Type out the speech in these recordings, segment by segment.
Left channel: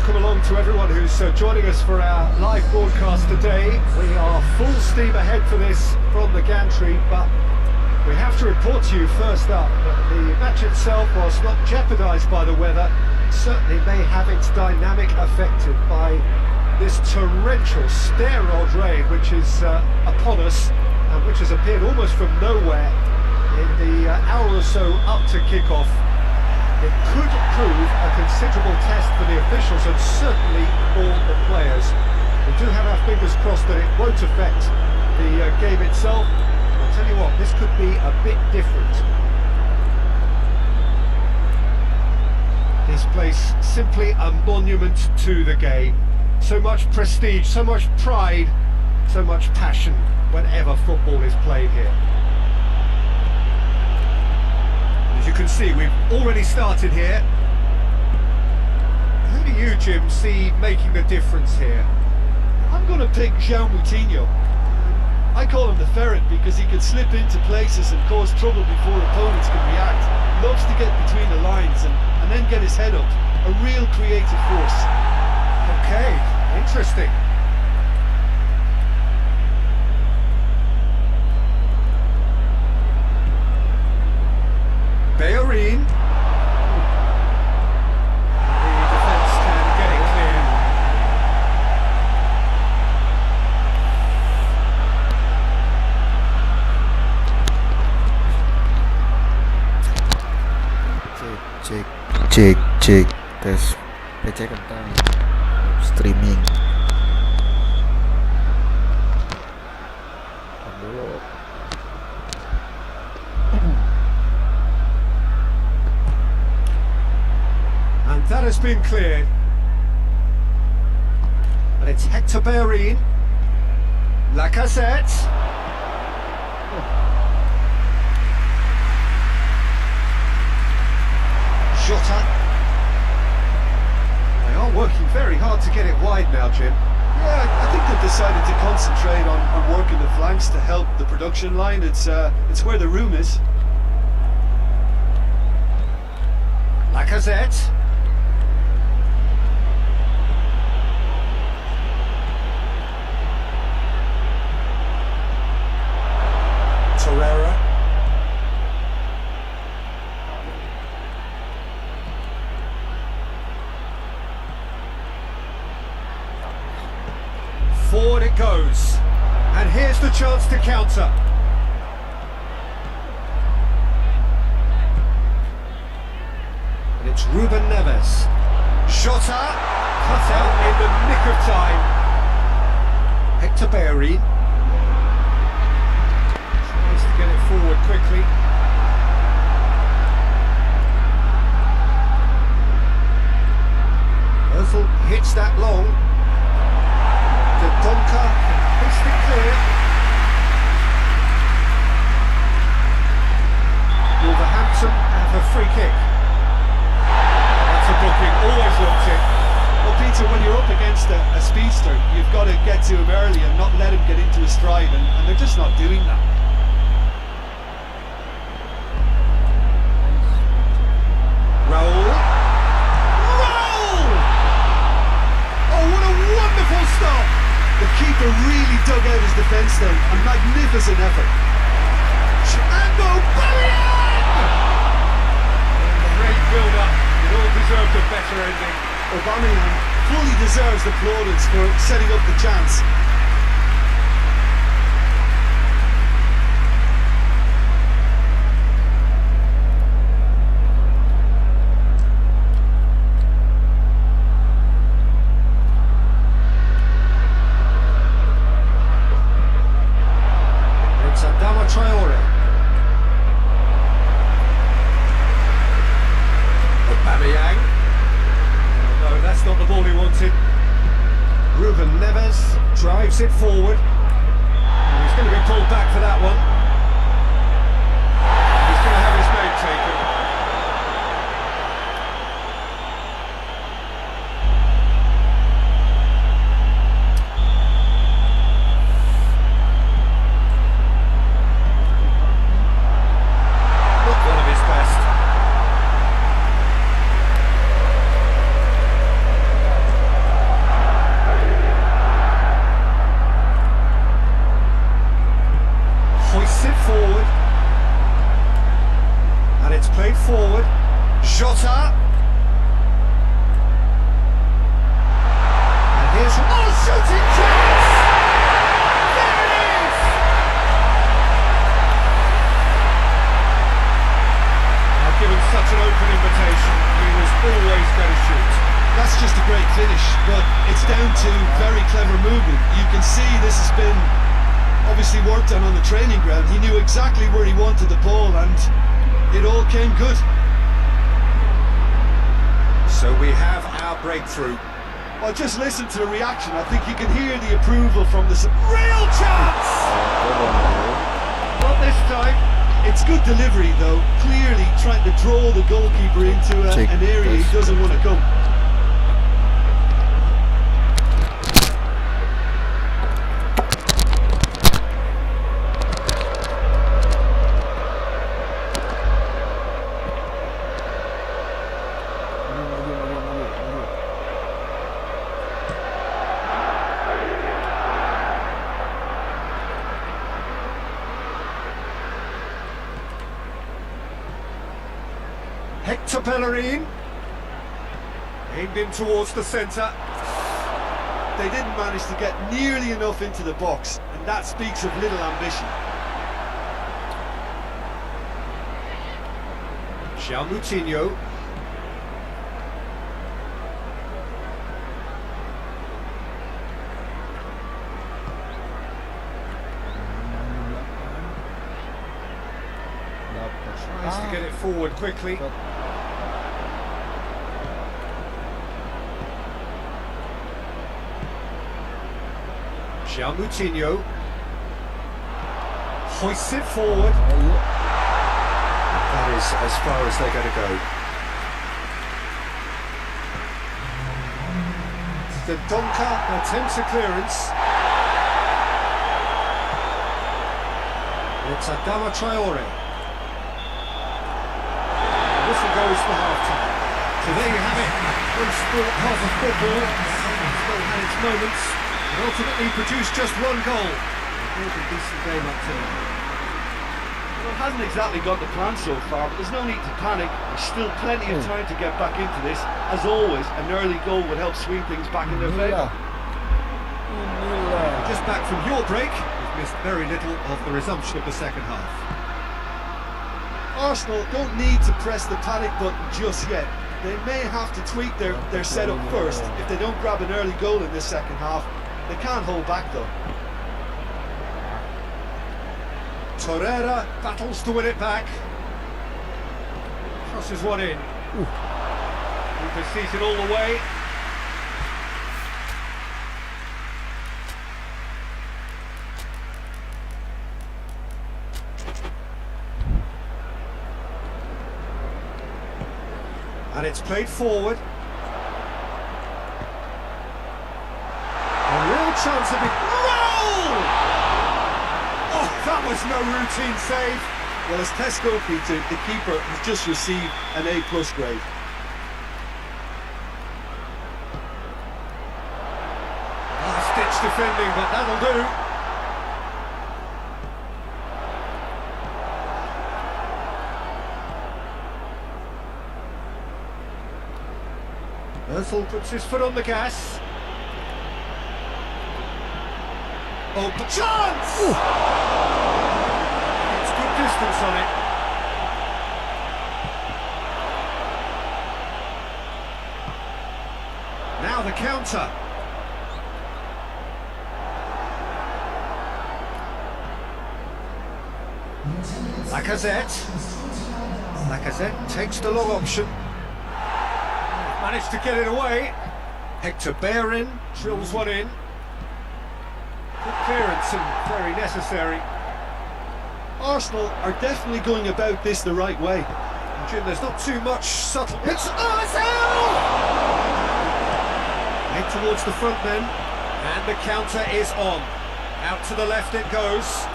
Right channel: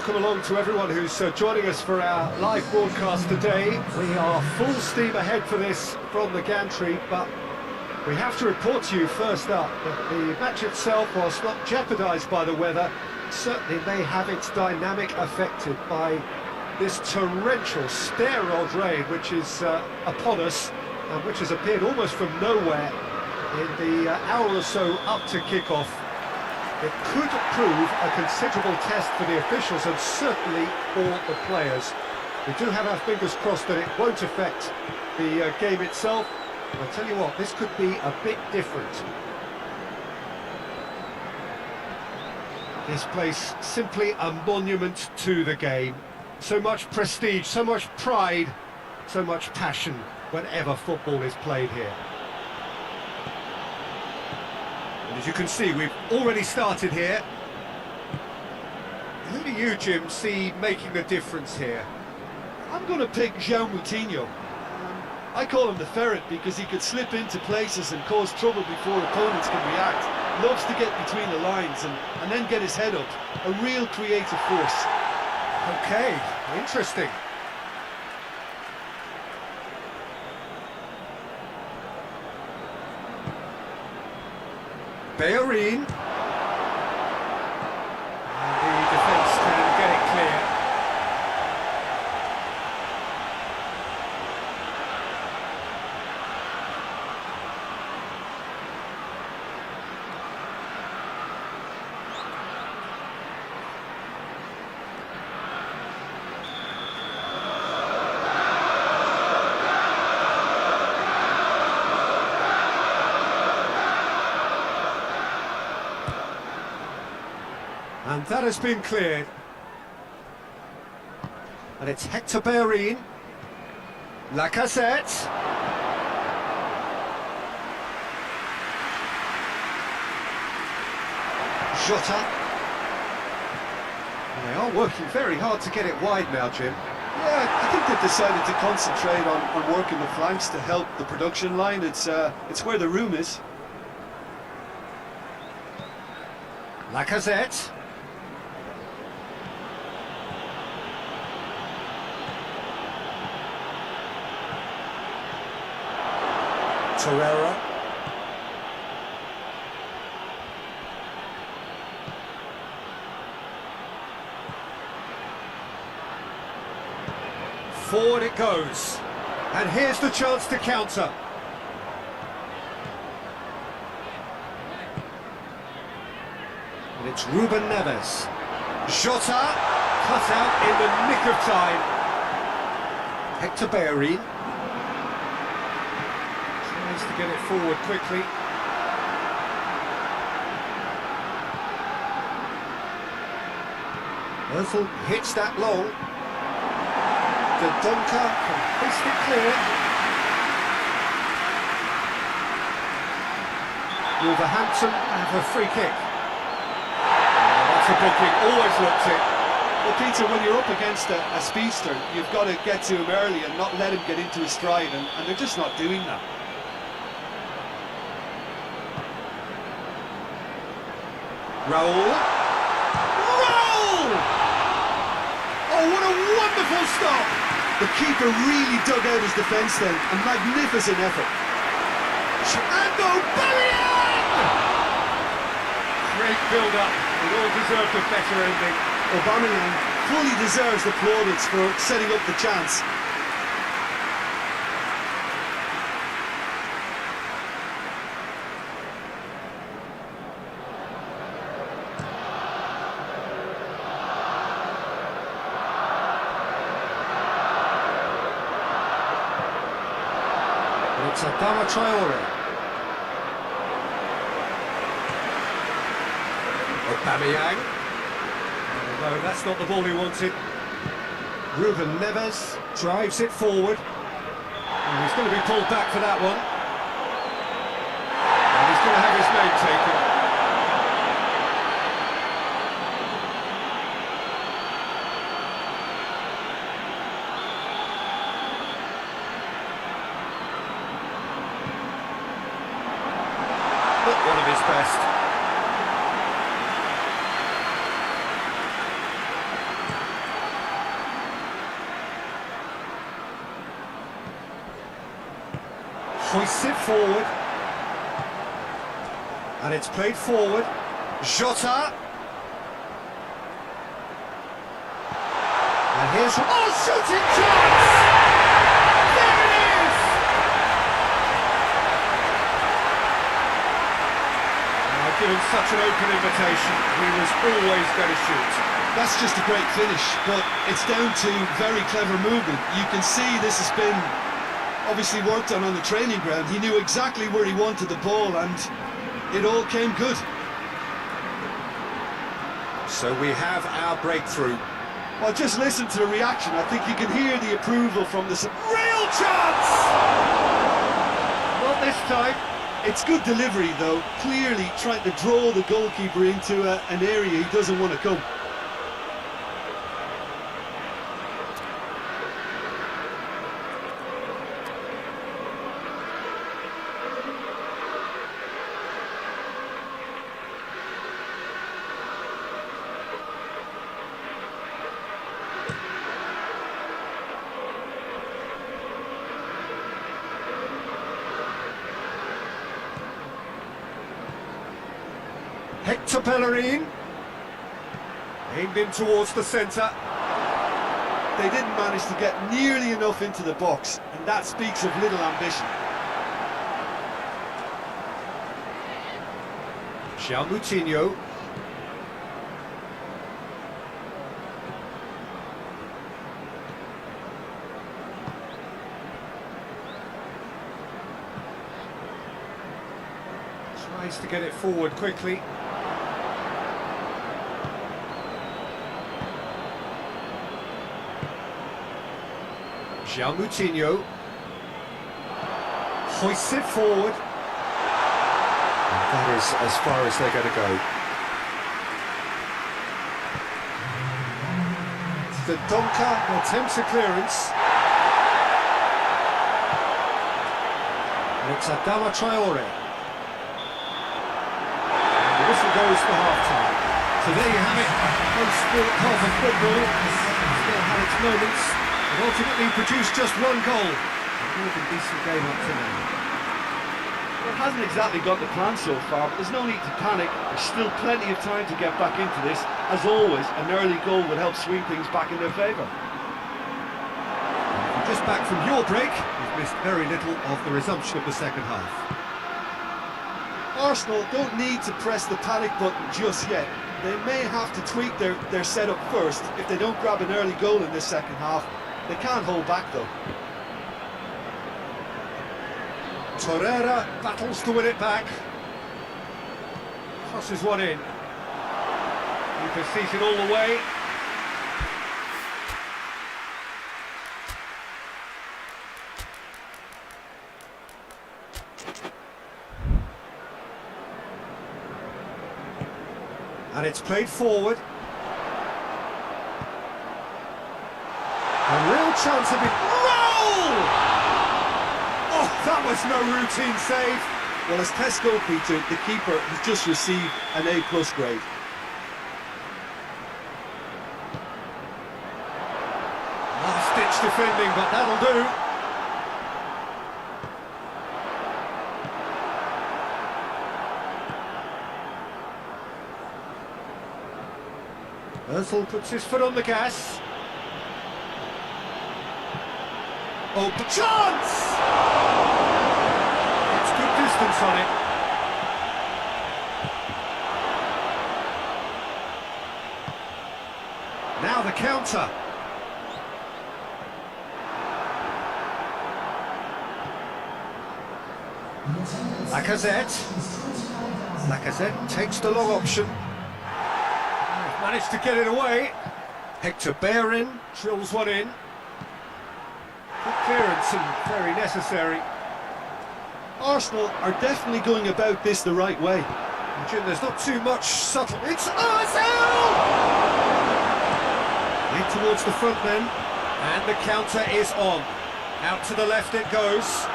welcome along to everyone who's joining us for our live broadcast today. We are full steam ahead for this from the gantry, but we have to report to you first up that the match itself, whilst not jeopardised by the weather, certainly may have its dynamic affected by this torrential stair-rod rain which is upon us and which has appeared almost from nowhere in the hour or so up to kick-off. It could prove a considerable test for the officials and certainly for the players. We do have our fingers crossed that it won't affect the game itself. I'll tell you what, this could be a bit different. This place, simply a monument to the game. So much prestige, so much pride, so much passion whenever football is played here. And as you can see, we've already started here. Who do you, Jim, see making the difference here? I'm going to pick João Moutinho. I call him the ferret because he can slip into places and cause trouble before opponents can react. Loves to get between the lines and then get his head up. A real creative force. Okay, interesting. Bellerin. The defence can get it clear. Cek tes PC kentang streaming. And that has been cleared. And it's Hector Bellerin. Lacazette. Jota. They are working very hard to get it wide now, Jim. Yeah, I think they've decided to concentrate on working the flanks to help the production line. It's where the room is. Lacazette. Torreira. Forward it goes. And here's the chance to counter. And it's Ruben Neves. Jota cut out in the nick of time. Hector Bellerin tries to get it forward quickly. Özil hits that long. Dendoncker can fist it clear. Wolverhampton have a free kick. That's a booking, always looks it. Well, Peter, when you're up against a speedster, you've got to get to him early and not let him get into his stride, and they're just not doing that. Raul. Raul! Oh, what a wonderful stop! The keeper really dug out his defence then. A magnificent effort. And Aubameyang! Great build-up. It all deserved a better ending. Aubameyang fully deserves the plaudits for setting up the chance. It's Adama Traore. Aubameyang. No, that's not the ball he wanted. Ruben Neves drives it forward. And he's going to be pulled back for that one. And he's going to have his name taken. Not one of his best. Hoists it forward. And it's played forward. Jota. And here's... Oh, shooting chance! There it is! I've given such an open invitation. He was always going to shoot. That's just a great finish, but it's down to very clever movement. You can see this has been obviously worked on the training ground. He knew exactly where he wanted the ball and it all came good. So we have our breakthrough. Well, just listen to the reaction. I think you can hear the approval from this. Real chance! Not this time. It's good delivery though, clearly trying to draw the goalkeeper into an area he doesn't want to come. Hector Bellerin, aimed in towards the centre. They didn't manage to get nearly enough into the box, and that speaks of little ambition. João Moutinho. Tries to get it forward quickly. João Moutinho hoists it forward. That is as far as they're going to go. The Donker attempts a clearance. And it's Adama Traore. The whistle goes for half-time. So there you have it. One sport, half of football. Still had its moments. It ultimately produced just one goal. A more than decent game up to now. Well, it hasn't exactly got the plan so far, but there's no need to panic. There's still plenty of time to get back into this. As always, an early goal would help swing things back in their favour. Just back from your break, you've missed very little of the resumption of the second half. Arsenal don't need to press the panic button just yet. They may have to tweak their setup first if they don't grab an early goal in this second half. They can't hold back though. Torreira battles to win it back. Crosses one in. Keeper sees it all the way. And it's played forward. A real chance of it. Roll! Oh, that was no routine save. Well, as Tesco Peter, the keeper has just received an A+ grade. Last-ditch defending, but that'll do. Özil puts his foot on the gas. Oh, chance! It's good distance on it. Now the counter. Lacazette takes the long option. Managed to get it away. Hector Bellerin drills one in. Good clearance and very necessary. Arsenal are definitely going about this the right way. And Jim, there's not too much subtle. It's Ozil! Head towards the front then. And the counter is on. Out to the left it goes.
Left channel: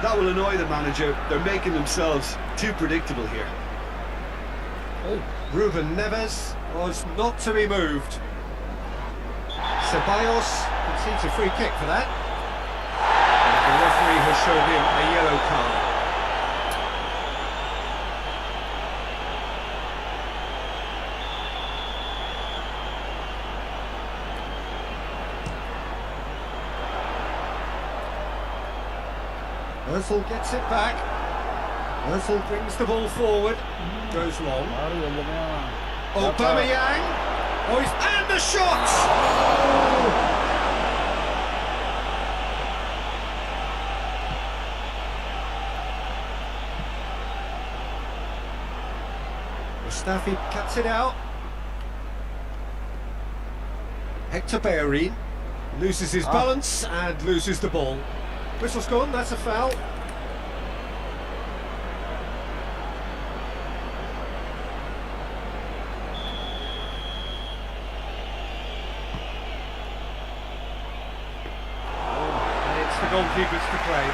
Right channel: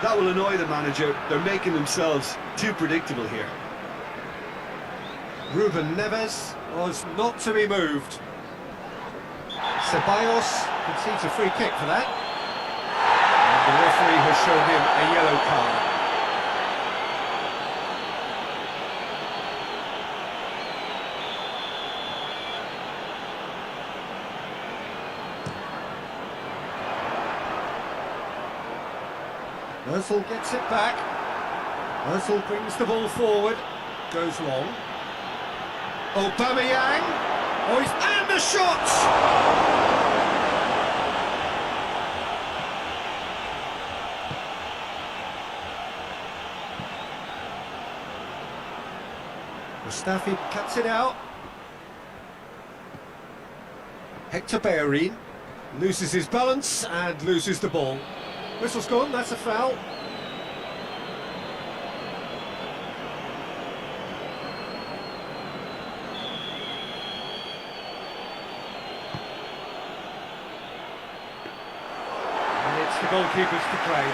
That will annoy the manager. They're making themselves too predictable here. Ruben Neves was not to be moved. Ceballos Concedes a free kick for that. And the referee has shown him a yellow card. Özil gets it back. Özil brings the ball forward. Goes long. Aubameyang. Oh, and the shot! Mustafi cuts it out. Hector Bellerin loses his balance and loses the ball. Whistle's gone, that's a foul. And it's the goalkeeper's to claim.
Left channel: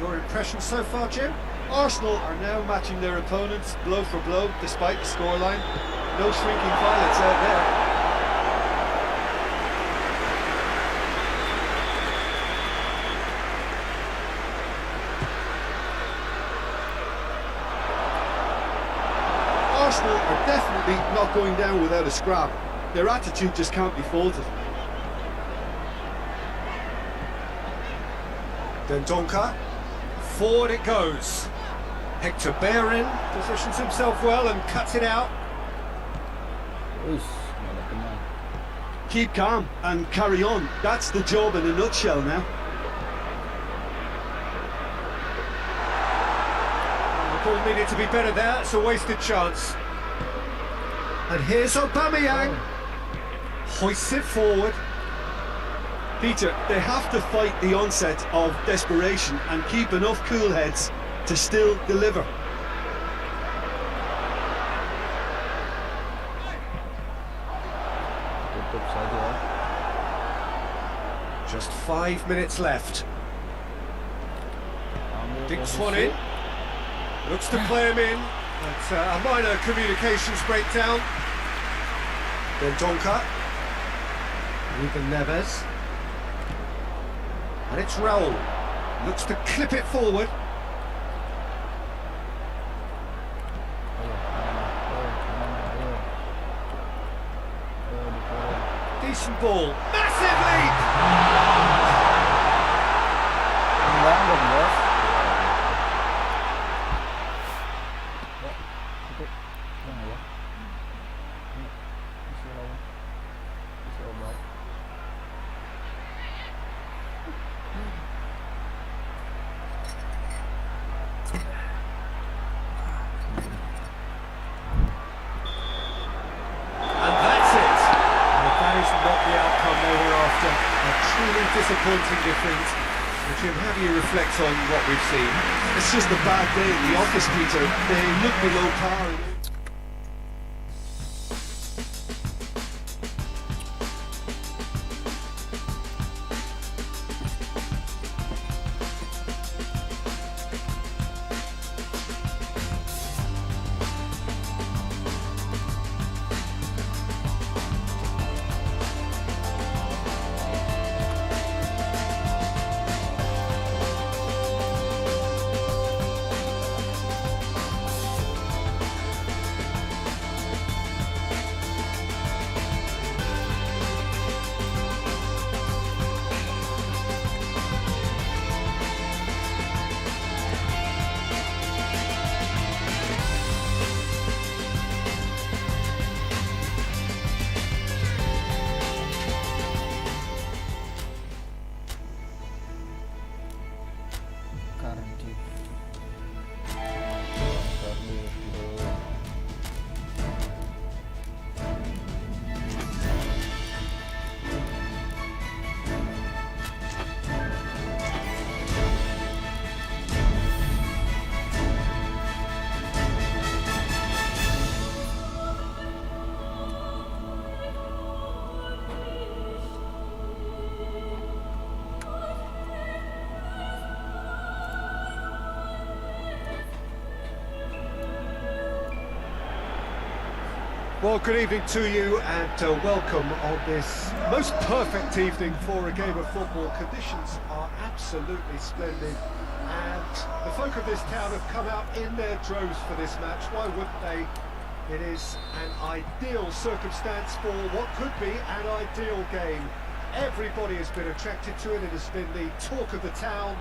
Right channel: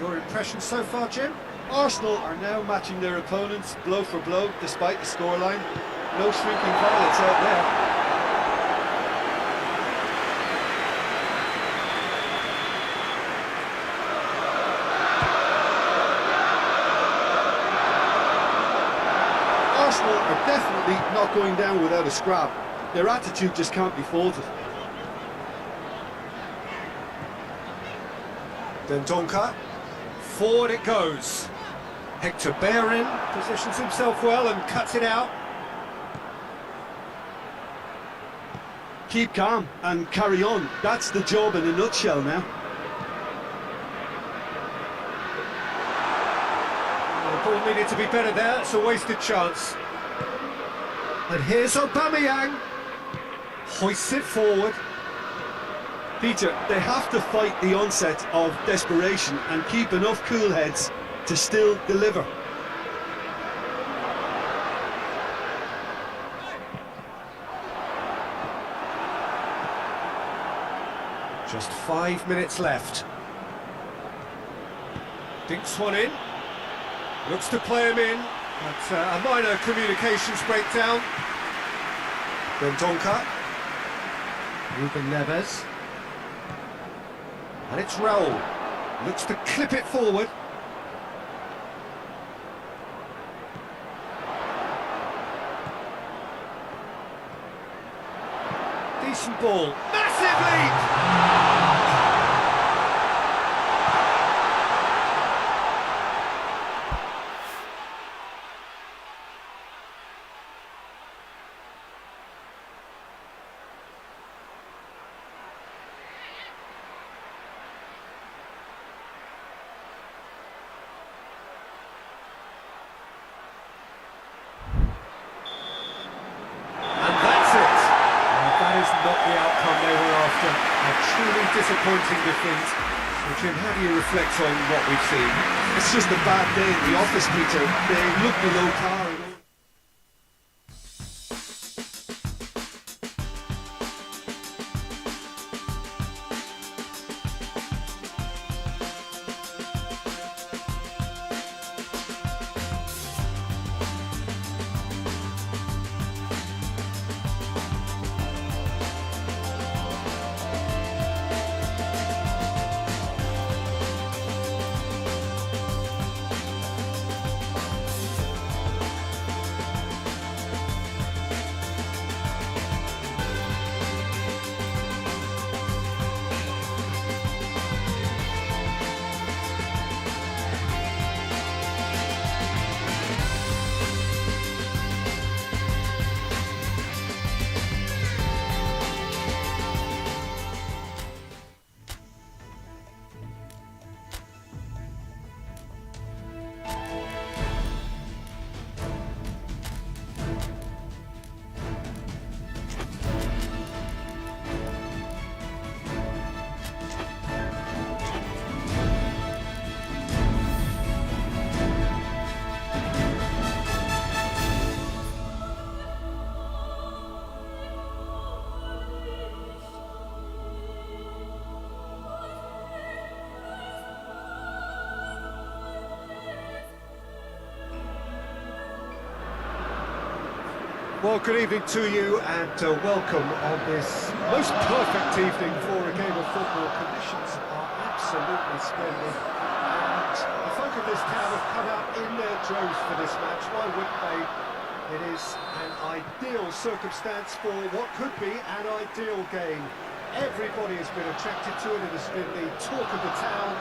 Your impression so far, Jim? Arsenal are now matching their opponents blow for blow despite the scoreline. No shrinking violets out there. Arsenal are definitely not going down without a scrap. Their attitude just can't be faulted. Dendoncker. Forward it goes. Hector Bellerin positions himself well and cuts it out. Keep calm and carry on. That's the job in a nutshell now. The ball needed to be better there, it's a wasted chance. And here's Aubameyang. Hoists it forward. Peter, they have to fight the onset of desperation and keep enough cool heads to still deliver. Just 5 minutes left. Dinks one in. Looks to play him in, but a minor communications breakdown. Dendoncker. Ruben Neves. And it's Raul. Looks to clip it forward. Decent ball. Massive leap! That is not the outcome they were after. A truly disappointing defeat. So Jim, how do you reflect on what we've seen? It's just a bad day at the office, Peter. They look below par in all Well, good evening to you and welcome on this most perfect evening for a game of football. Conditions are absolutely splendid and the folk of this town have come out in their droves for this match. Why wouldn't they? It is an ideal circumstance for what could be an ideal game. Everybody has been attracted to it. It has been the talk of the town.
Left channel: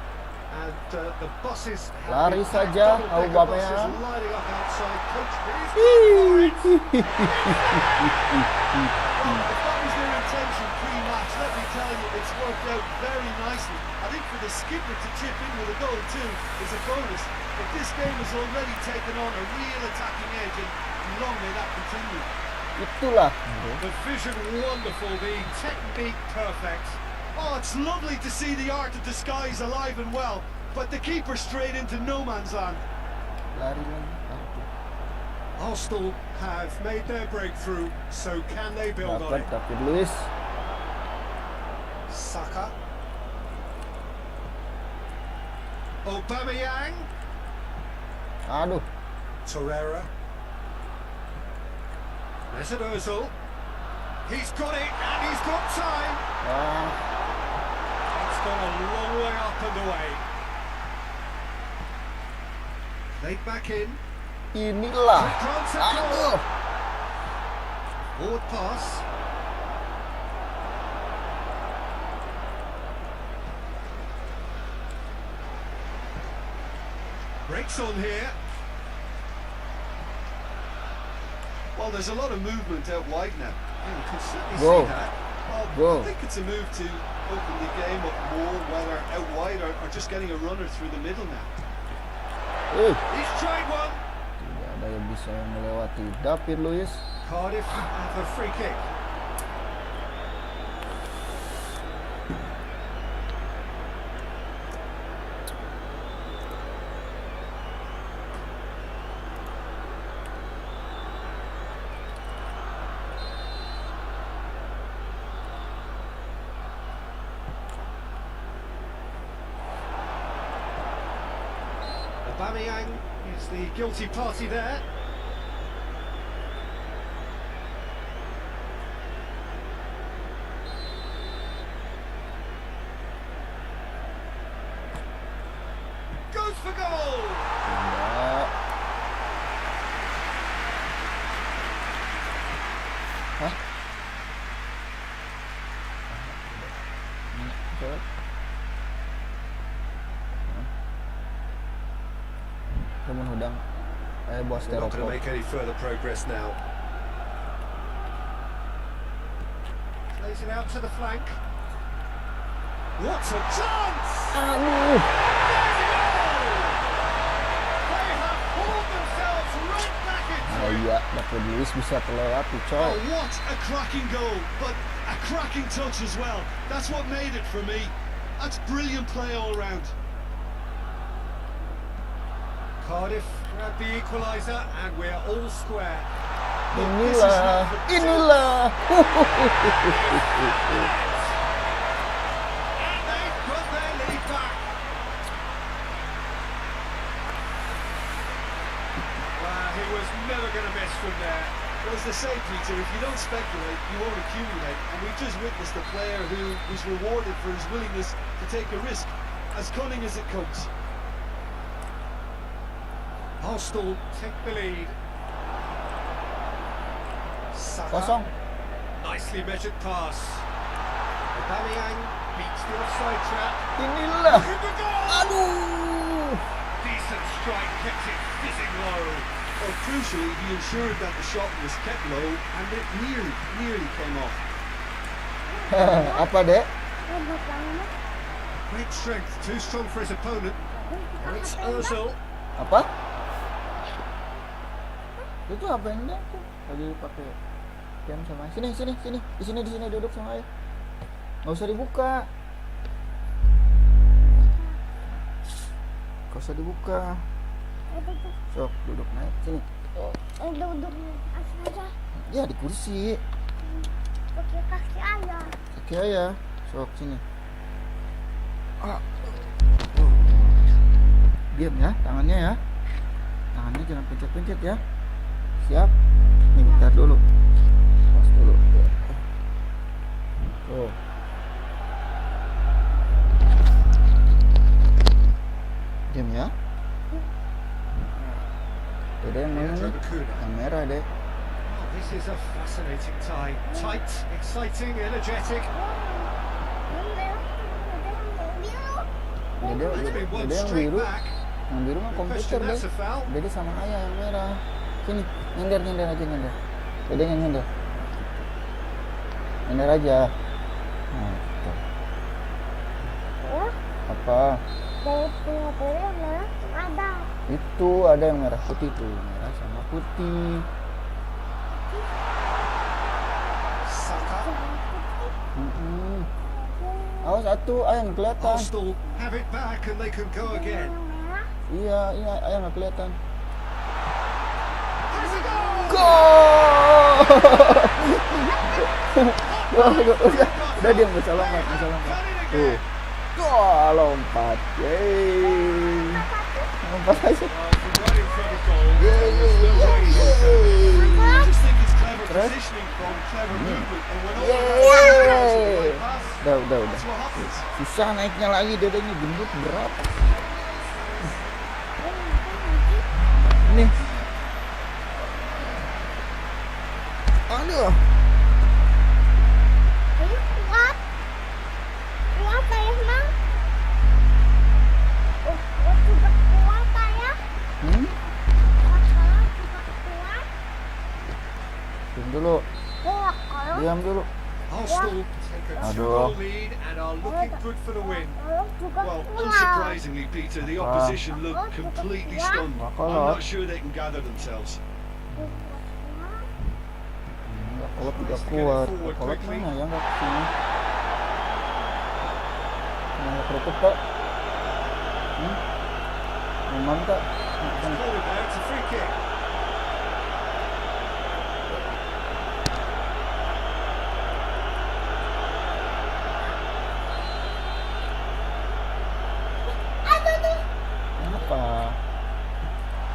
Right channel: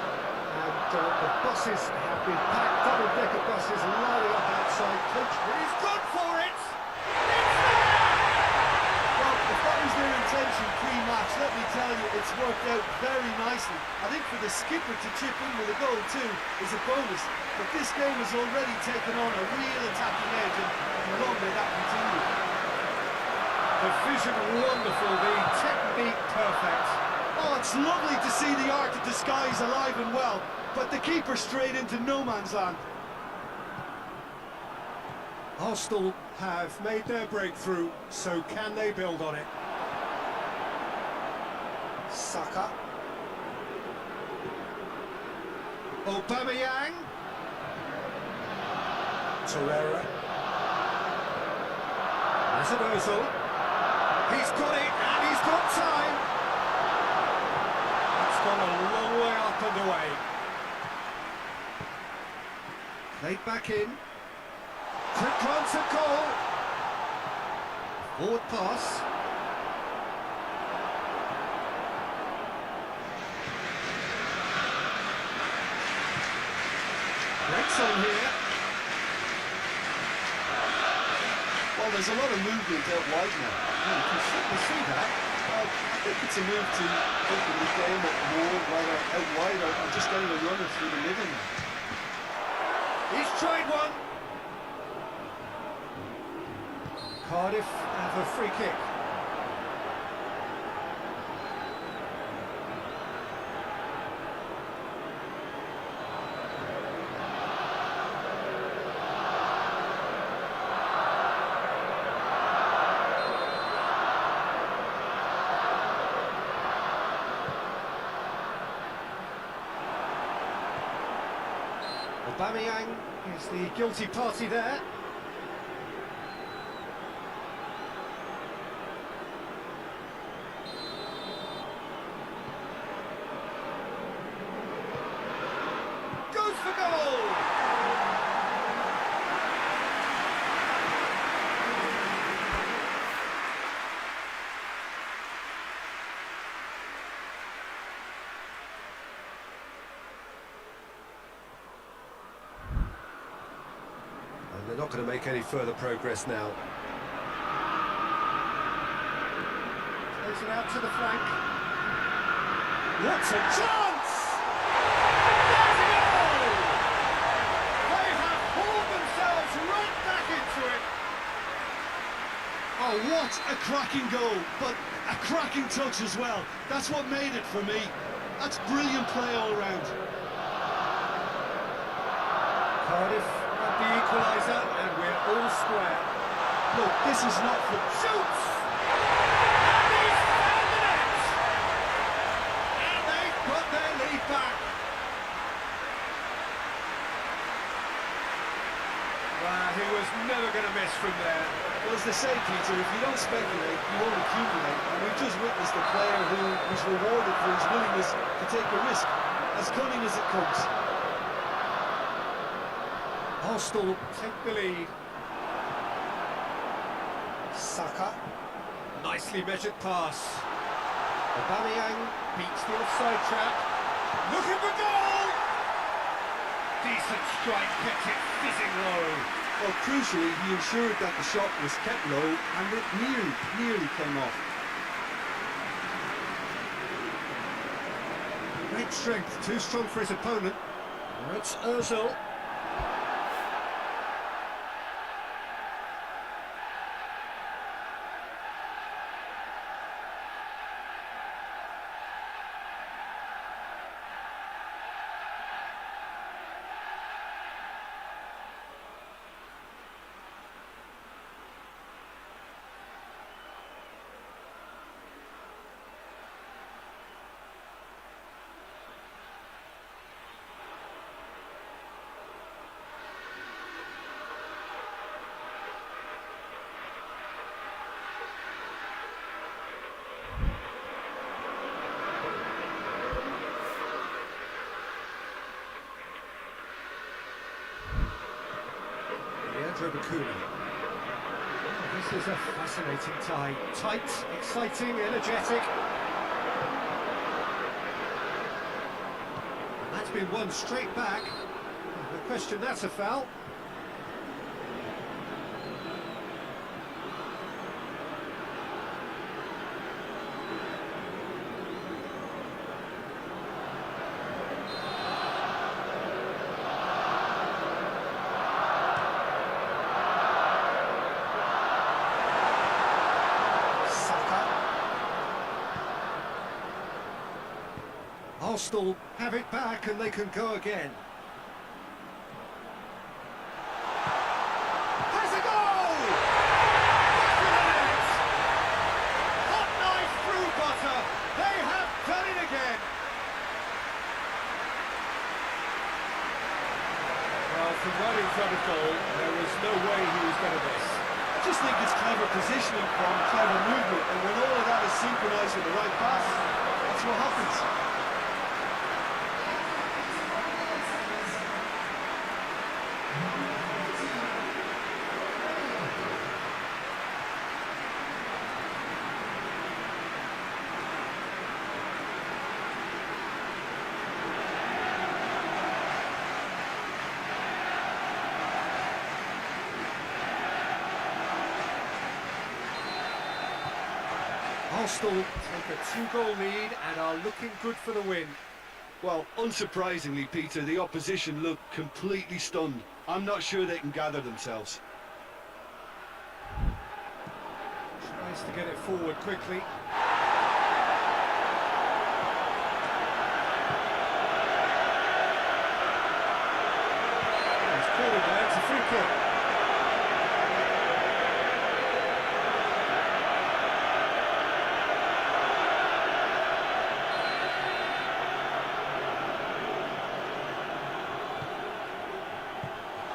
And the buses have been packed, double-decker buses lining up outside. Coach, he's gone for it! Well, if that was their intention pre-match, let me tell you, it's worked out very nicely. I think for the skipper to chip in with a goal too is a bonus. But this game has already taken on a real attacking edge, and long may that continue. Itulah. The vision wonderful, the technique perfect. Oh, it's lovely to see the art of disguise alive and well, but the keeper straight into no man's land. Lari lagi. Arsenal have made their breakthrough, so can they build on it? Dapat Luis. Saka. Aubameyang. Aduh. Torreira. Mesut Ozil. He's got it, and he's got time. It's gone a long way up and away. Played back in. Inilah. Quick glance at goal. Forward pass. Breaks on here. Well, there's a lot of movement out wide now. You can certainly Whoa. see that. Well, I think it's a move to open the game up more, whether out wide or just getting a runner through the middle now. He's tried one. Kalau bisa melewati David Luis. Cardiff have a free kick. Aubameyang is the guilty party there. Goes for goal! They're not going to make any further progress now. Plays it out to the flank. What a chance! There's a goal! They have hauled themselves right back into it. Iya, David Luis bisa terlewati, coy. Oh, what a cracking goal, but a cracking touch as well. That's what made it for me. That's brilliant play all round. Cardiff grab the equaliser and we're all square. Look, this is not the Inilah. And they've got their lead back. Well, he was never going to miss from there. Well, as they say, Peter, if you don't speculate, you won't accumulate. And we've just witnessed a player who was rewarded for his willingness to take a risk, as cunning as it comes. Arsenal take the lead. Saka. Kosong. Nicely measured pass. Aubameyang beats the offside trap. Inilah. Looking for goal! Aduh. Decent strike, kept it fizzing low. Well, crucially, he ensured that the shot was kept low, and it nearly came off. Apa, Dek? Great strength, too strong for his opponent. Now it's Ozil. Apa? Itu apa yang enggak tuh? Lagi pakai pen sama sini di sini duduk sama ayah. Nggak usah dibuka. Nggak usah dibuka. Sok duduk naik sini. Duduk aja. Ya di kursi. Pakai kaki ayah. Oke ya. Sok sini. Diam ya, tangannya ya. Tangannya jangan pencet-pencet ya. Siap. Nih, Bentar dulu. Pas dulu. Oh. Diam ya. Udah yang merah Leandro nih. Bacuna. Yang merah deh. Oh, this is a fascinating tie. Tight, exciting, energetic. That's been one straight back. Yang biru mah No komputer question, deh. that's a foul. Jadi sama aja yang merah. Sini, nyender aja nyender. Udah yang nyender. Nyender aja. Nah, tuh. Oh, Apa? dari Singapura ya. Ada. Itu ada yang merah putih tuh. Merah putih. Saka. Awas satu, ayam kelihatan. Arsenal have it back and they can go again. Iya, ayam nggak kelihatan. Has a goal! Wah, udah dia nggak salah, They nggak have salah. done it again. Wah, lompat. Yeay. Lompat aja. Well, from right in front of goal, there was no way he was going to miss. I just think it's clever positioning from clever movement, and when all of that synchronizes with the right pass, Udah. that's what happens. Susah naiknya lagi, dadanya gendut berat. Nih. Aduh. Ini kuat. Kuat saya mah. Kuat saya. Diam dulu. Diam dulu. Arsenal take a 2-goal lead and are looking good for the win. Well, unsurprisingly, Peter, the opposition look completely stunned. I'm not sure they can gather themselves. Tries to get it forward quickly. It's called there, it's a free kick.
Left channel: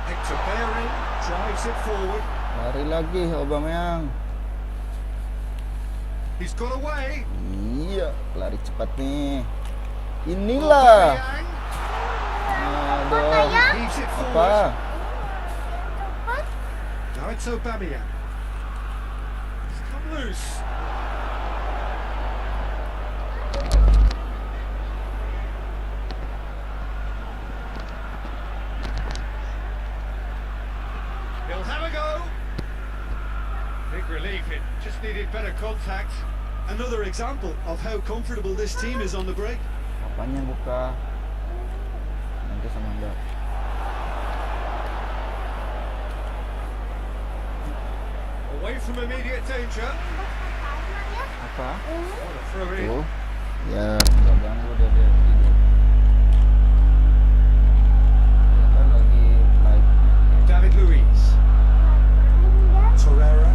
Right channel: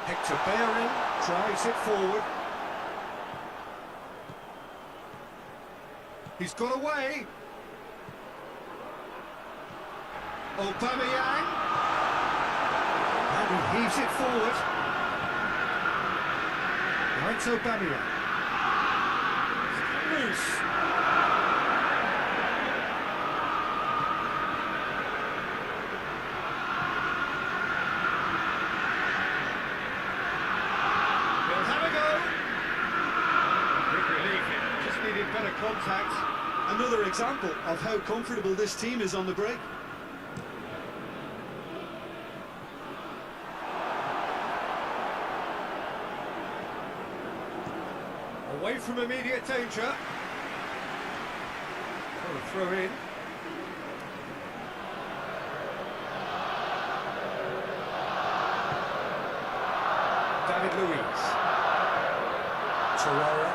Hector Bellerin drives it forward. Lari lagi Aubameyang. He's got away. Iya, lari cepat nih. Inilah. Aubameyang Ada. heaves it forward. Apa? Now it's Aubameyang. He's come loose. He'll have a go. Big relief, it just needed better contact. Another example of how comfortable this team is on the break. Apanya buka? Nanti sama dia. Away from immediate danger. Apa? What a throw in. Oh. Ya, udah banget dia. David Luiz. Torreira.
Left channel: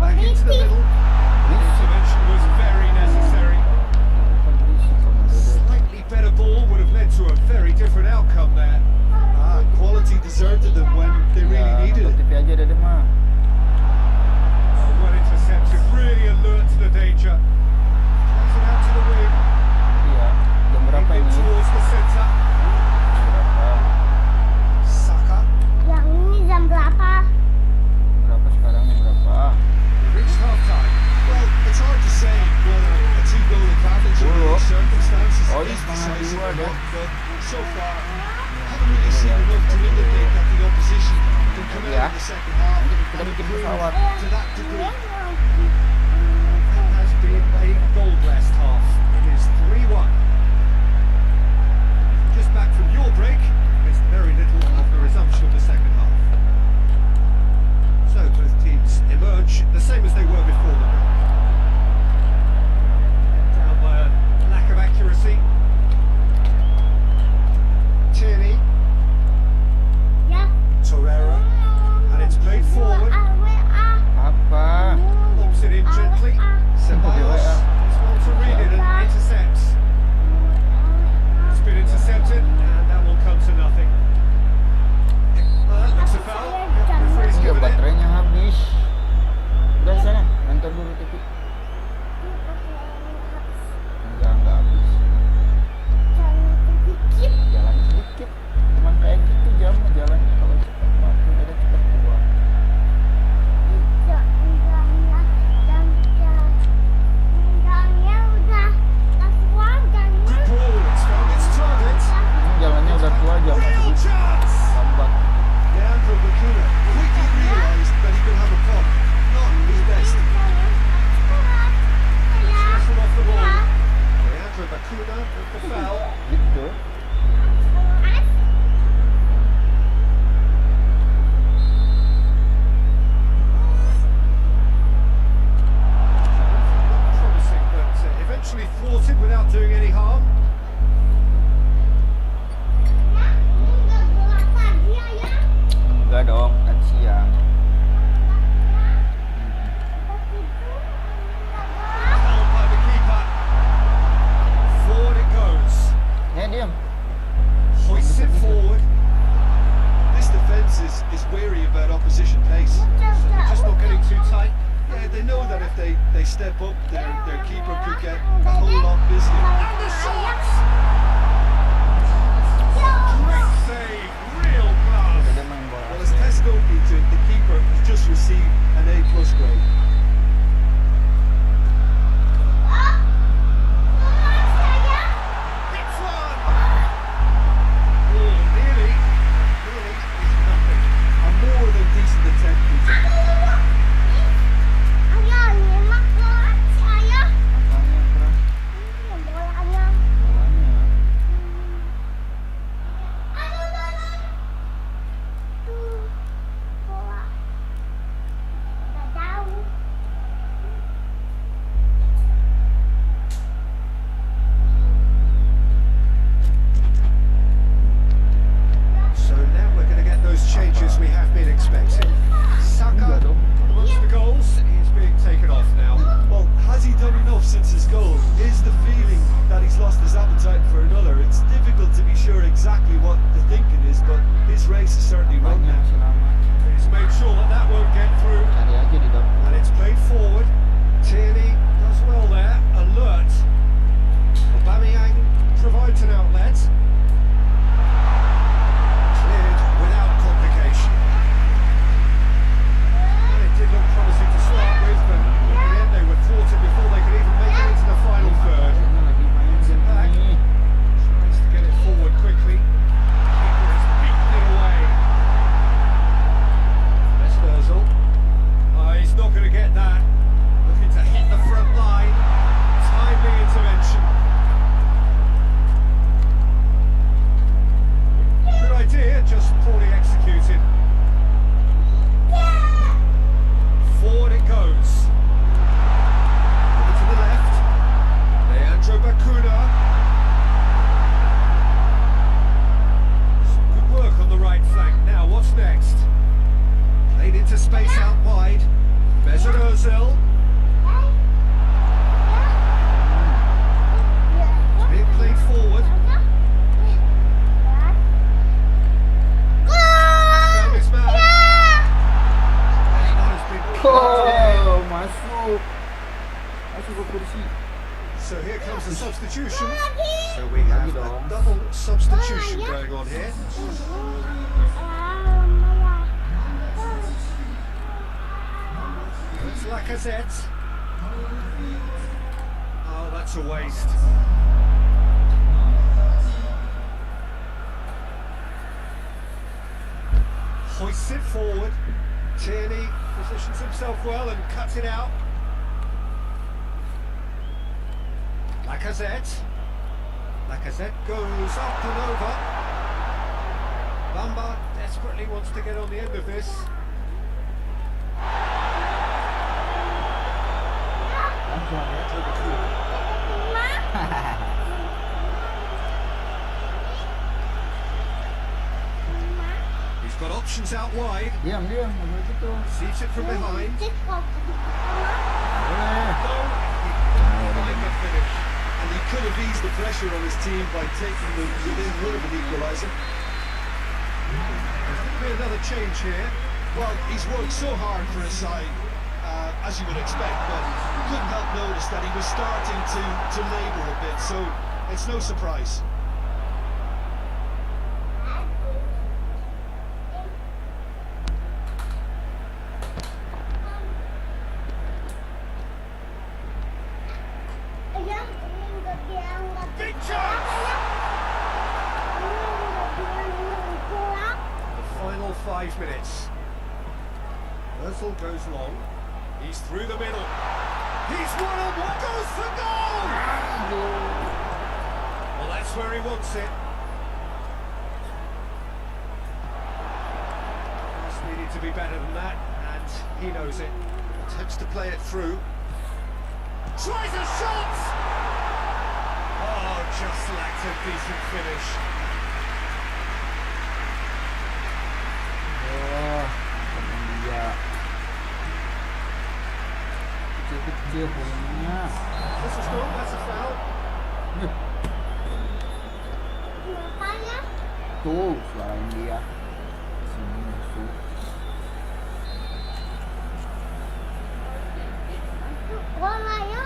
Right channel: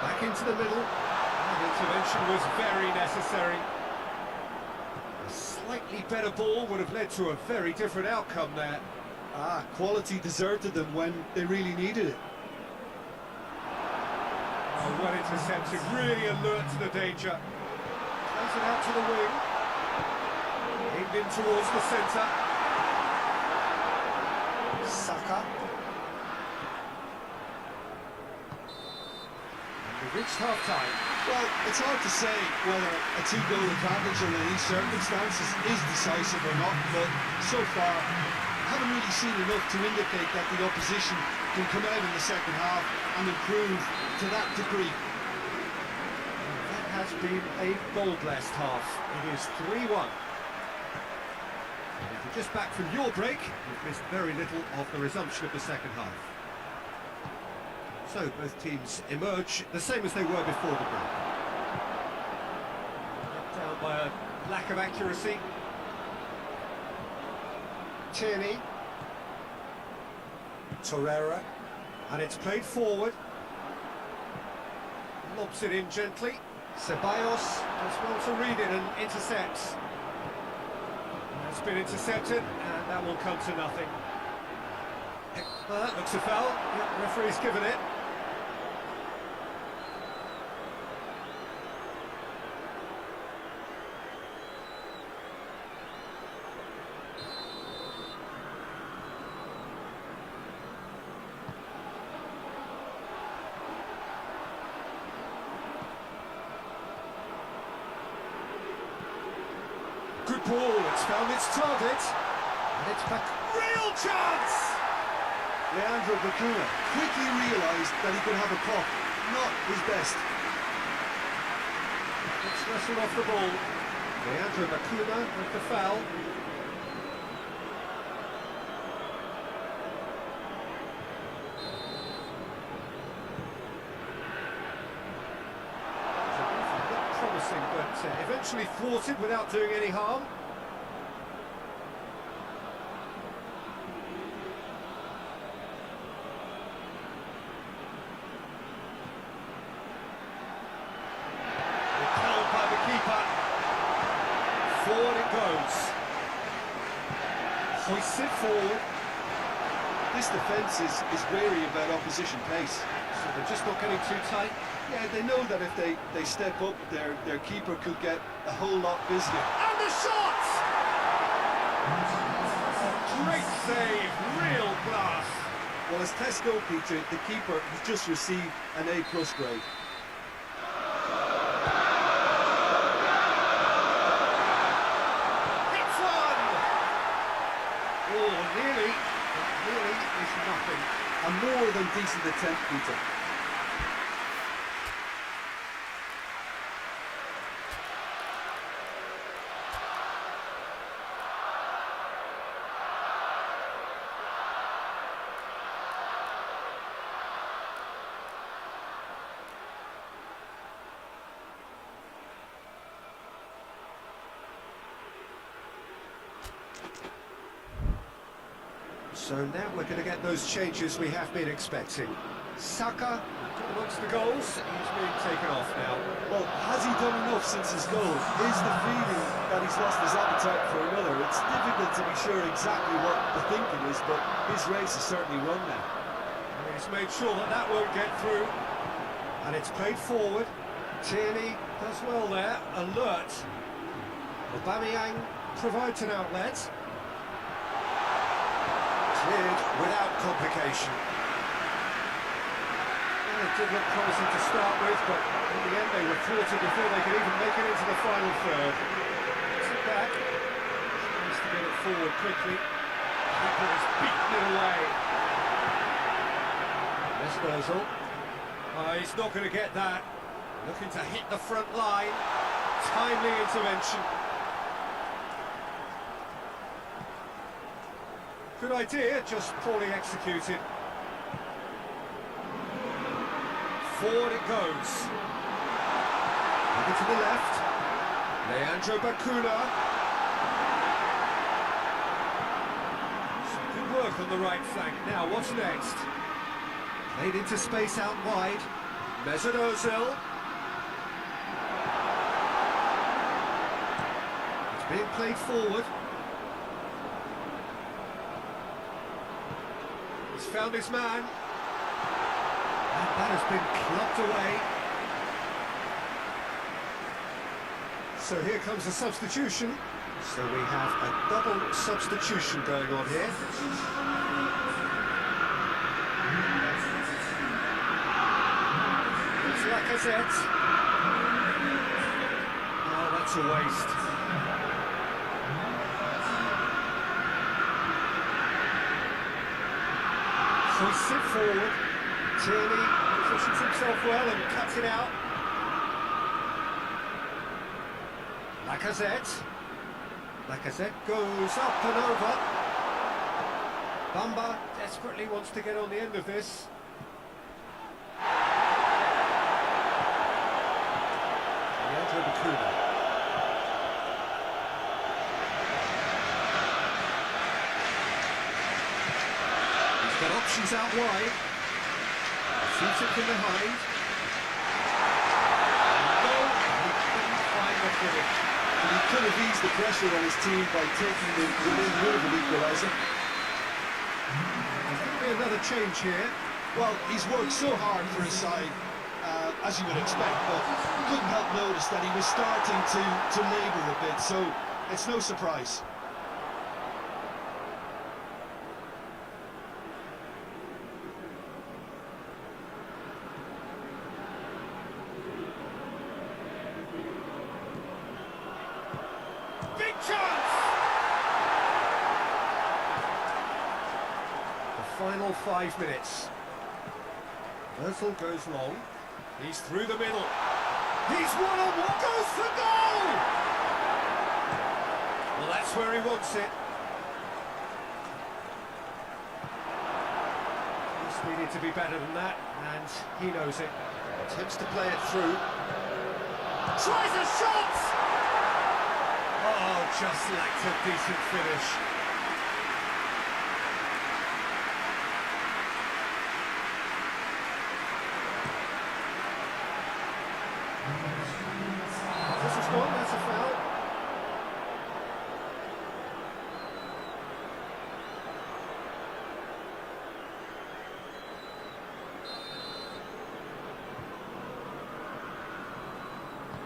Back into the middle. The intervention was very necessary. Slightly better ball would have led to a very different outcome there. Quality deserted them when they really needed it. TV aja dia mah. Oh, well intercepted. Really alert to the danger. Plays it out to the wing. Iya. Jam berapa In ini? towards the centre. Saka. Yang ini jam berapa? Berapa sekarang? Berapa? We reached half time. Well, it's hard to say whether a two-goal advantage under these circumstances is decisive or not, but so far, I haven't really seen enough to indicate that the opposition can come out in the second half and improve to that degree. That has been a goal-blessed half. It is 3-1. If you're just back from your break, you've missed very little of the resumption of the second half. So both teams emerge the same as they were before the break. Let down by a lack of accuracy. Tierney, Ya. Torreira, and it's played forward. Apa? Lobs it in gently. Ceballos does well to read it and intercepts. It's been intercepted, and that will come to nothing. That looks a foul. Yep, referee's given it. Baterainya habis. Udah sana, antar dulu TV. Enggak habis. Jalan sedikit. Cuman kayak gitu jalan kalau cepat waktu udah cepat keluar. Good ball. It's found its target. Jalannya It's udah back. keluar jalan. Real chance. Lambat. Leandro Bacuna quickly realised that he could have a pop. Not his best. It's wrestled off the ball. Leandro Bacuna with the foul. Gitu. Looked promising, but eventually thwarted without doing any harm. Enggak dong, kan siang. Held by the keeper. Forward it goes. Ya diam. Hoists it forward. This defence is wary about opposition pace. So they're just not getting too tight. Yeah, they know that if they step up, their keeper could get a whole lot busier. And the shot! Great save, real class. Well, as testimony to it, the keeper has just received an A+ grade. Hits one! Oh, nearly. Nearly is nothing. A more than decent attempt, Peter. So now we're going to get those changes we have been expecting. Saka amongst the goals, he's being taken off now. Well, has he done enough since his goal? Is the feeling that he's lost his appetite for another? It's difficult to be sure exactly what the thinking is, but his race is certainly run now. He's made sure that that won't get through, Ada aja di dalam. and it's played forward. Tierney does well there, alert. Aubameyang provides an outlet. Cleared without complication. Well, it did look promising to start with, but in the end they were thwarted before they could even make it into the final third. Gets it back. Tries to get it forward quickly. Keeper has beaten it away. Mesut Ozil. He's not going to get that. Looking to hit the front line. Timely intervention. Good idea, just poorly executed. Forward it goes. Over to the left. Leandro Bacuna. Some good work on the right flank. Now, what's next? Played into space out wide. Mesut Ozil. It's being played forward. Found his man. And that has been clapped away. Oh, masuk. Masuk ke kursi. So here comes the substitution. So we have a double substitution going on here. It's Lacazette. Oh, that's a waste. Hoists it forward. Tierney positions himself well and cuts it out. Lacazette. Lacazette goes up and over. Bamba desperately wants to get on the end of this. Leandro Bacuna. He's got options out wide. Diam. Shoots it from behind. Goal. He couldn't find the finish. And he could have eased the pressure on his team by taking them within one of an equaliser. As Could be another change here. Well, he's worked so hard for his side, as you would expect, but couldn't help notice that he was starting to labour a bit, so it's no surprise. Ayah, kaki yang Big chance! curang. The final 5 minutes. Özil goes long. He's through the middle. He's one-on-one. Goes for goal! Well, that's where he wants it. Just needed to be better than that, and he knows it. Attempts to play it through. Tries a shot! Oh, just lacked a decent finish. Iya. Kecil-kecil hanya. This was gone, that's a foul. Kenapa ya? Tuh, selain dia. Sini masuk. Bola ya?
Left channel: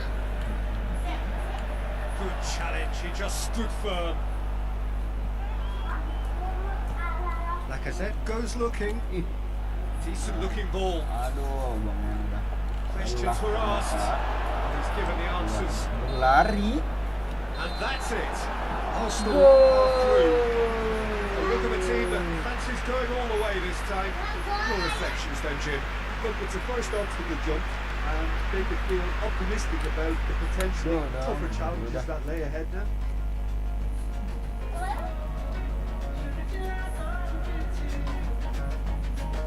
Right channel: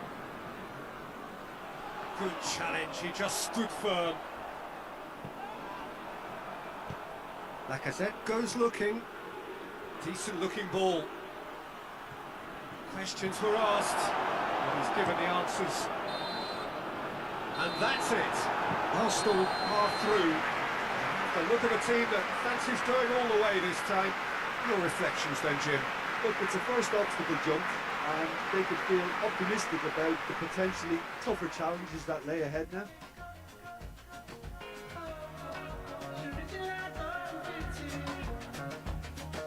Good challenge, he just stood firm. Lacazette goes looking. Decent looking ball. Aduh, jangan udah. Questions were asked, and he's given the answers. Lari. And that's it. Arsenal are through. A look of a team that fancies going all the way this time. Your reflections then, Jim. Look, it's a first obstacle jump, and they could feel optimistic about the potentially tougher challenges that lay ahead now.